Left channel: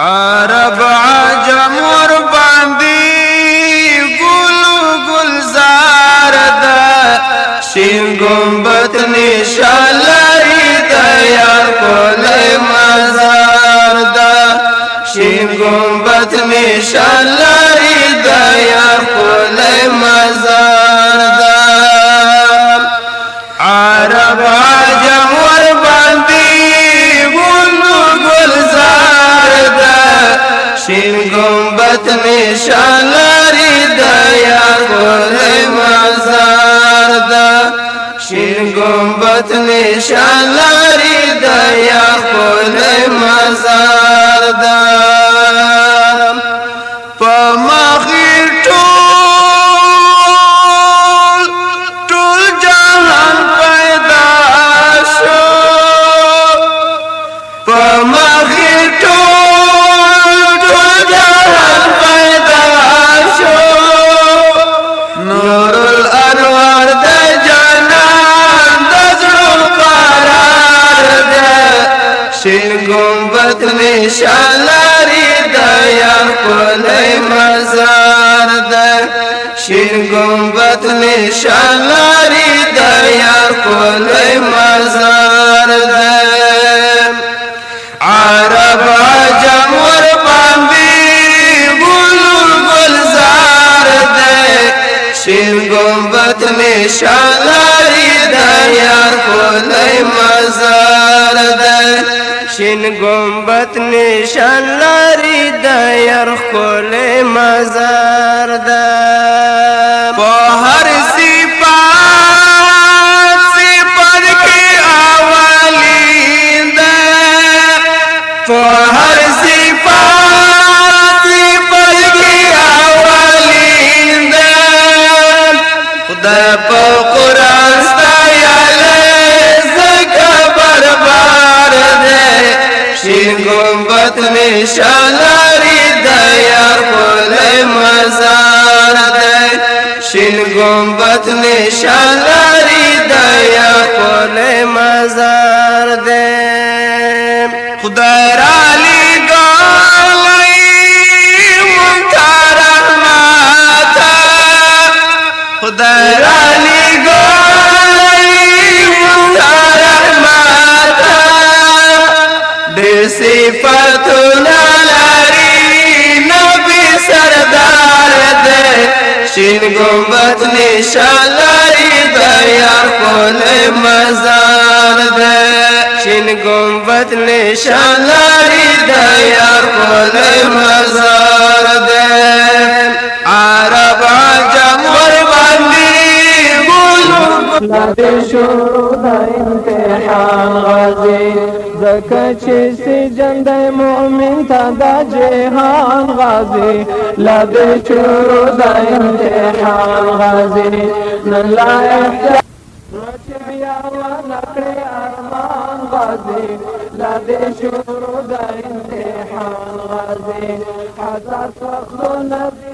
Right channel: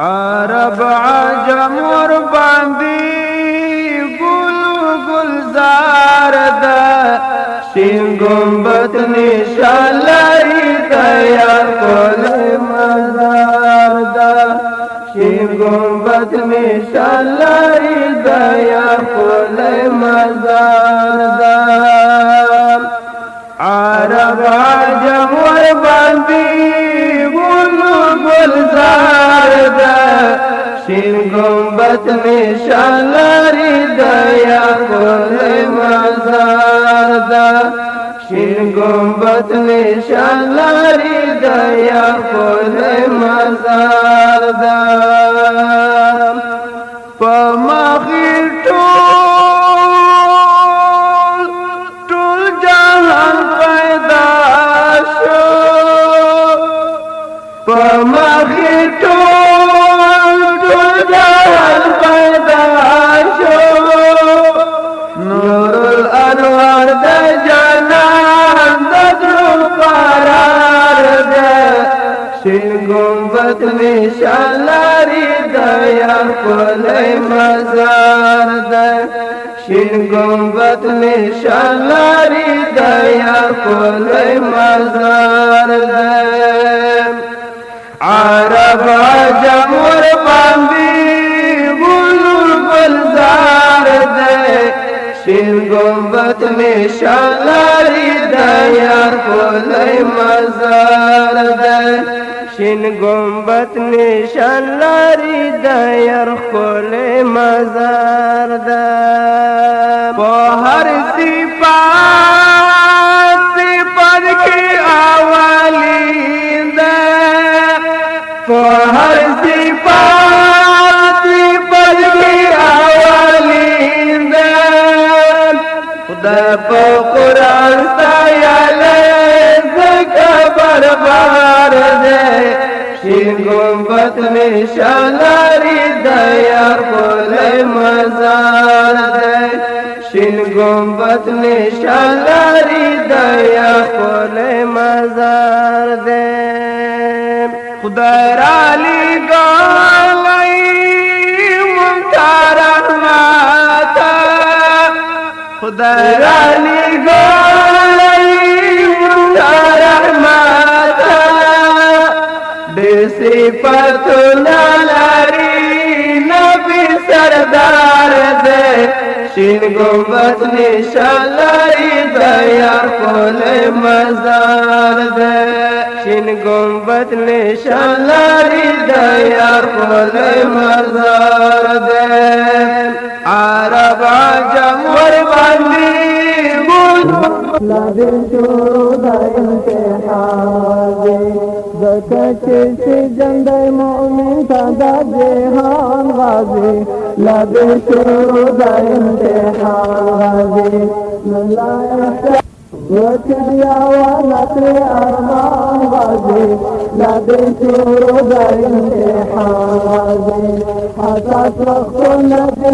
عرب عجم ور باندې ګل گلزار دا شین گنبد نشان لري د یار کولې مزار دا شین گنبد نشان لري د یار کولې مزار دا عرب عجم ور باندې ګل گلزار دا شین گنبد نشان لري د یار کولې مزار دا شین گنبد نشان لري د یار کولې مزار دا په مخې ټول جهان پیدا شو په مخې ټول جهان پیدا شو نور الانوار د جانان د زړه قرار ده شین گنبد نشان لري د یار کولې مزار ده شین گنبد نشان لري د یار کولې مزار ده عرب عجم ور باندې ګل گلزار ده شین گنبد نشان لري د یار کولې مزار ده شین گنبد نشان لري د یار کولې مزار ده په هر صفات کې اولین ده په هر صفات کې اولین ده خدای په قرآن ستایلی زکه بربار ده شین گنبد نشان لري د یار کولې مزار ده شین گنبد نشان لري د یار کولې مزار ده خدای را لېږلی مونږ ته رحمت خدای را لېږلی مونږ ته رحمت ډېر صفتونه لري نبي سردار ده شین گنبد نشان لري د یار کولې مزار ده شین گنبد نشان لري د یار کولې مزار ده عرب عجم ور باندې لا دې شروع د امتحان غازي زکه چې سجن د مؤمن ته د جهان غازي لا دې شروع د امتحان غازي نن لا احتیاج وتبيا ولكن أرمان غازي لا بشور دايم الحان غازي حتى توصلنا في